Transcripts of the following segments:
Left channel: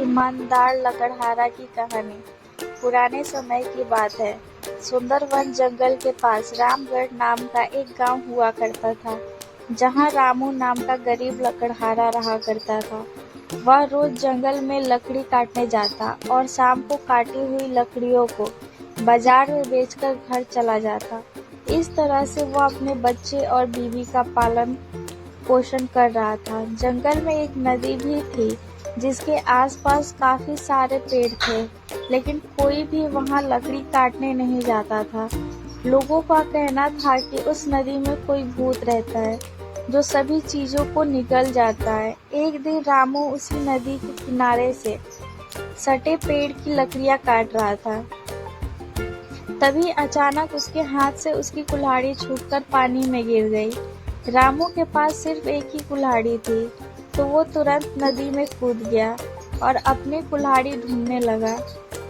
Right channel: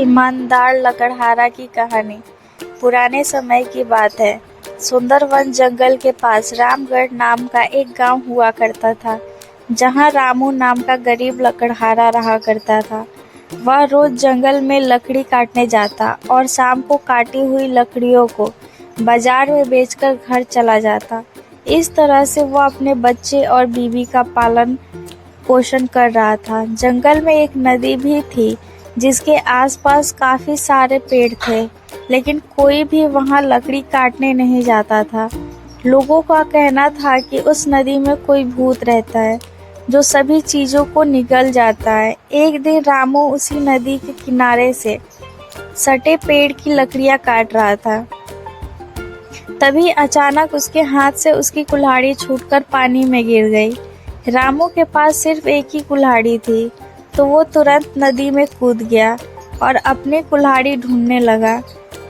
ईमानदार लकड़हारा की कहानी। पुराने समय की बात है। सुंदरवन जंगल के पास रामगढ़ नाम का एक गांव हुआ करता था, जहां रामू नाम का गरीब लकड़हारा रहा करता था। वह रोज जंगल में लकड़ी काटने जाता और शाम को काटी हुई लकड़ियों को बाजार में बेचकर घर चला जाता। इस तरह से वह अपने बच्चे और बीवी का पालन पोषण कर रहा था। जंगल में एक नदी भी थी, जिसके आसपास काफी सारे पेड़ थे, लेकिन कोई भी वहां लकड़ी काटने नहीं जाता था। लोगों का कहना था कि उस नदी में कोई भूत रहता है, जो सभी चीजों को निगल जाता है। एक दिन रामू उसी नदी के किनारे से सटे पेड़ की लकड़ियां काट रहा था। तभी अचानक उसके हाथ से उसकी कुल्हाड़ी छूटकर पानी में गिर गई। रामू के पास सिर्फ एक ही कुल्हाड़ी थी, तो वो तुरंत नदी में कूद गया और अपनी कुल्हाड़ी ढूंढने लगा।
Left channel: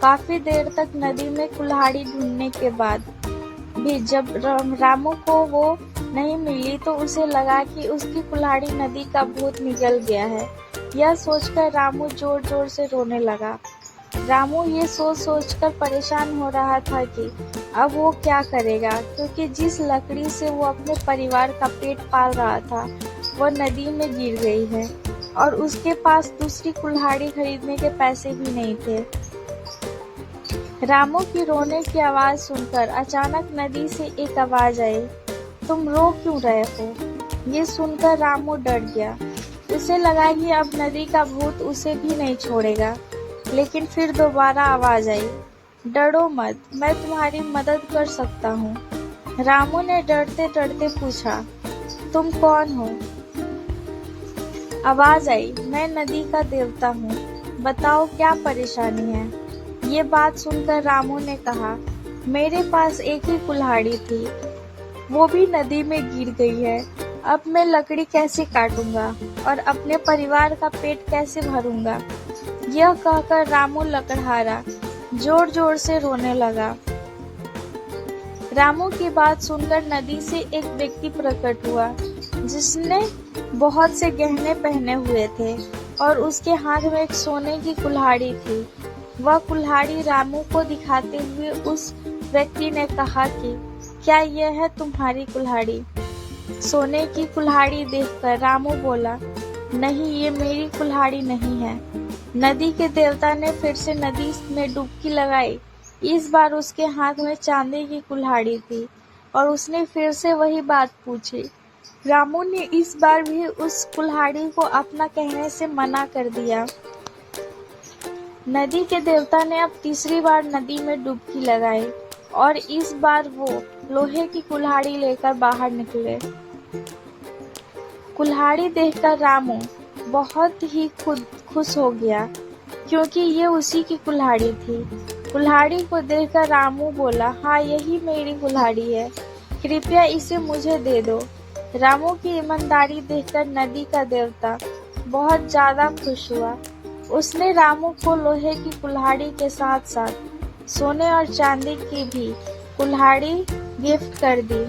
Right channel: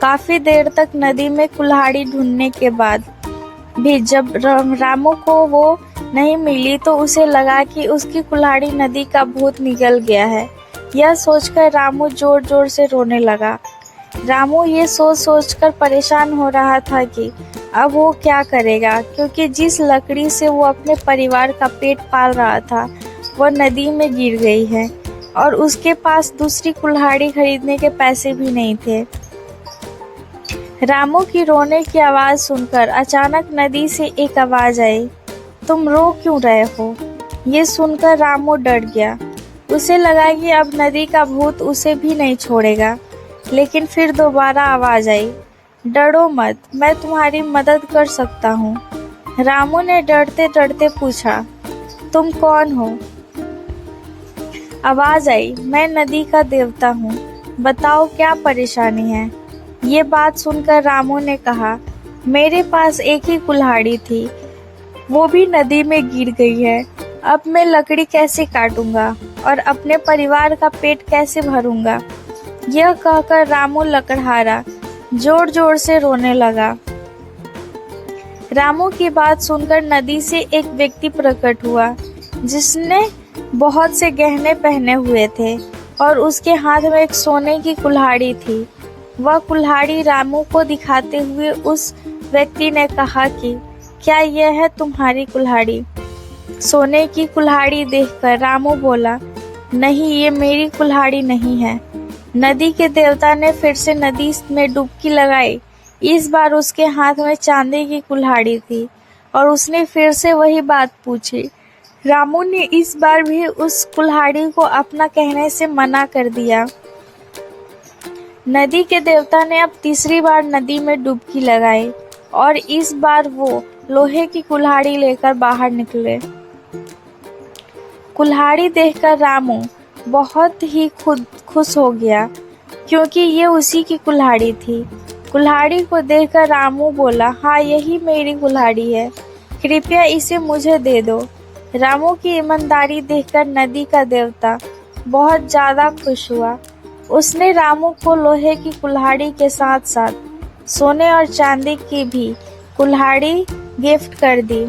काफी देर तक नदी में कुल्हाड़ी ढूंढने के बाद भी जब रामू को वो नहीं मिली, तो उसे लगा कि उसकी कुल्हाड़ी नदी का भूत निगल गया है। यह सोचकर रामू जोर जोर से रोने लगा। रामू ये सोच सोचकर परेशान हो रहा था कि अब वो क्या करेगा, क्योंकि जिस लकड़ी से वो अपने परिवार का पेट पाल रहा था, वह नदी में गिर गई है और उसके पास दूसरी कुल्हाड़ी खरीदने के पैसे भी नहीं थे। रामू की रोने की आवाज सुनकर अचानक नदी से एक आवाज आई, तुम रो क्यों रहे हो? ये सुनकर रामू डर गया। उसे लगा कि अब नदी का भूत उसे भी नहीं छोड़ेगा। लेकिन फिर दोबारा आवाज आई, डरो मत, मैं तुम्हारी मदद कर सकता हूँ। रामू ने डरते डरते पूछा, तुम कौन हो? आवाज आई, मैं नदी का देवता हूँ, बताओ क्या परेशानी है? ये बात सुनकर रामू ने कहा, मेरे पास एक ही कुल्हाड़ी थी, वो भी नदी में गिर गई है। अब मैं लकड़ी कैसे काटूंगा और अपने परिवार का पेट कैसे भरूंगा? यह कहकर रामू लकड़हारा जोर जोर से रोने लगा। रामू की बात सुनकर नदी से एक व्यक्ति प्रकट हुआ, जिसने बहुत से गहने पहने हुए थे और उसके हाथ में एक सोने की कुल्हाड़ी थी। वह कुल्हाड़ी रामू को दिखाते हुए उस व्यक्ति ने कहा कि क्या यह है तुम्हारी कुल्हाड़ी? सोने की कुल्हाड़ी देखकर रामू बोला, नहीं, ये मेरी कुल्हाड़ी नहीं है। नदी के देवता ने फिर से नदी में डुबकी लगाई। इस बार उसके हाथ में चांदी की कुल्हाड़ी थी और उसने फिर से वही बात पूछी। रामू ने इस बार भी उस कुल्हाड़ी को अपना कहने से मना कर दिया। नदी के देवता ने अब तीसरी बार नदी में डुबकी लगाई और इस बार वो लोहे की कुल्हाड़ी लेकर बाहर निकले। कुल्हाड़ी देखकर रामू बहुत ही खुश हो गया, क्योंकि ये उसी की कुल्हाड़ी थी। कुल्हाड़ी को देखकर रामू बोला, हाँ, यही मेरी कुल्हाड़ी है, कृपया इसे मुझे दे दो। रामू की ईमानदारी देखकर नदी का देवता बहुत ज्यादा खुश हुआ। उसने रामू को लोहे की कुल्हाड़ी के साथ साथ सोने और चांदी की भी कुल्हाड़ी गिफ्ट कर दी।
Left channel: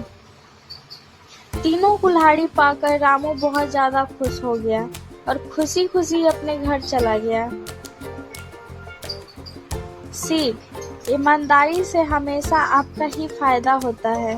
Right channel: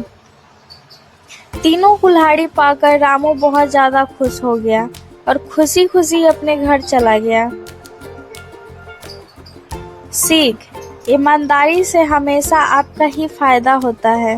तीनों कुल्हाड़ी पाकर रामू बहुत ज्यादा खुश हो गया और खुशी खुशी अपने घर चला गया। सीख, ईमानदारी से हमेशा आपका ही फायदा होता है।